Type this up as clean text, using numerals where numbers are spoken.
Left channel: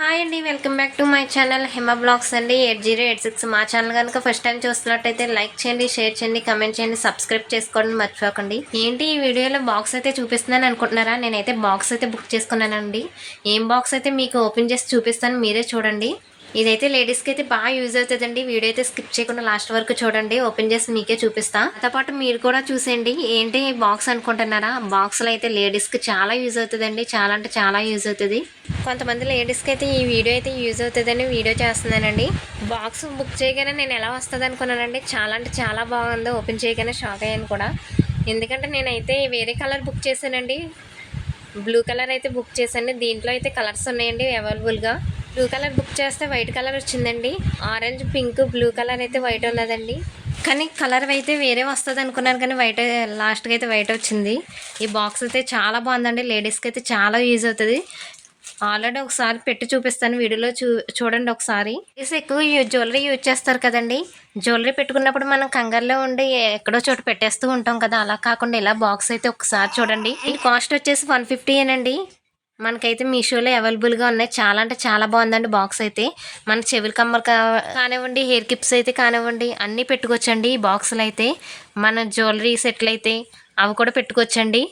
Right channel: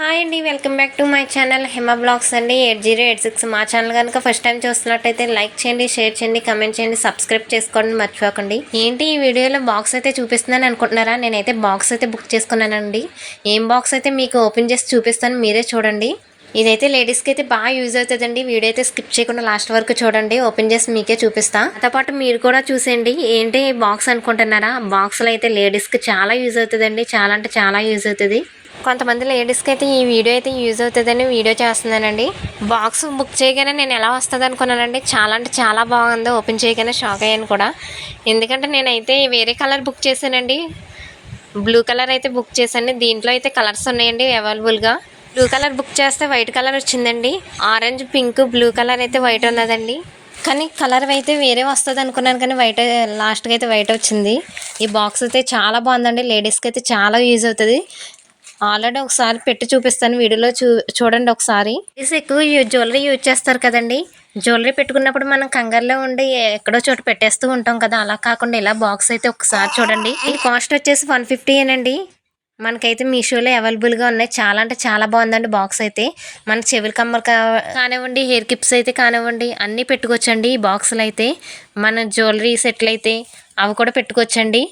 Hi అండి, welcome back to my channel Hima blogs అండి 8086. మా ఛానల్ కనుక ఫస్ట్ టైం చూస్తున్నట్టయితే లైక్ చేయండి, షేర్ చేయండి, కమెంట్ చేయండి, సబ్స్క్రైబ్ చేసుకోండి మర్చిపోకండి. ఏంటి ఈ వీడియోలో బాక్స్ అయితే చూపిస్తున్నాను అనుకుంటున్నారా? నేనైతే బాక్స్ అయితే బుక్ చేసుకున్నానండి. ఏం బాక్స్ అయితే మీకు ఓపెన్ చేసి చూపిస్తాను, మీరే చూడండి. ఇదైతే లేడీస్కి అయితే బాగా యూజ్ అవుతుందండి. వీడియో అయితే స్కిప్ చేయకుండా లాస్ట్ వరకు చూడండి, ఓపెన్ చేసి మీకే చూపిస్తా. దాంతో పాటు మీరు కూడా చూసేయండి. ఏంటి బాక్స్ అనుకుంటున్నారా? బాక్స్లో అయితే లేడీస్కి చాలా యూజ్ అవుతుందండి, చాలా అంటే చాలా యూజ్ అవుతుంది. కొంతమంది లేడీస్కి అయితే ఈ వీడియో అయితే యూజ్ అవుతుందని వీడియో చేస్తున్నానండి. బాక్స్ బుక్ చేయగానే నేను ఎలా వస్తుంది అనుకున్నానండి. చాలా అంటే చాలా బాగుంది. ఓపెన్ చేయగానే షాక్ అయ్యాను కూడా. ఎందుకంటే నేనైతే వేరే కలర్ బుక్ చేశానండి. బ్లూ కలర్ అయితే బుక్ చేశాను. దీంట్లో అయితే కలర్స్ ఉన్నాయండి అవైలబుల్గా. బ్లూ కలర్ బుక్ చేస్తే వైట్ కలర్ వచ్చిందండి. ఆరెంజ్, పింక్, బ్లూ కలర్ అయితే వైట్ ఉన్నదండి. కానీ కలర్ అయితే వేరే వస్తుంది అనుకున్నాను, కానీ వైట్ లాస్ట్గా అయితే వైట్ వచ్చింది. ఈ బాక్స్ అయితే చాలా బాగుందండి. లేడీస్కి అయితే చాలా యూజ్ అవుతుంది. ఆల్రెడీ ఒకసారి పెట్టి చూపిస్తాను, వీడియోలో చూడండి ఒకసారి. ఎక్కువ జ్యువెలరీ యూజ్ చేస్తారు కదండి. జ్యువెలరీ పెట్టుకున్నప్పుడు మనం కంగారులో ఉండి ఎక్కడో చోట పెట్టేస్తూ ఉంటాం కదా, అలా కాకుండా ఇలా బాక్స్ అయితే ఒకసారి చూడండి. ఈ కాస్ట్ వచ్చేసి 150 ఏనండి. మనకైతే మీషోలో అవైలబుల్గా ఉన్నాయి. చాలా అంటే చాలా బాగుందండి బాక్స్ అయితే. మన చెవుల కమ్మలు కానివ్వండి, హెయిర్ కిప్స్ అయితే కానివ్వండి, అన్నీ పెట్టుకోవచ్చండి ఈ బాక్సులు అయితే. మన జ్యువెలరీ సెట్లు అయితే అవి కూడా పెట్టుకోవచ్చండి.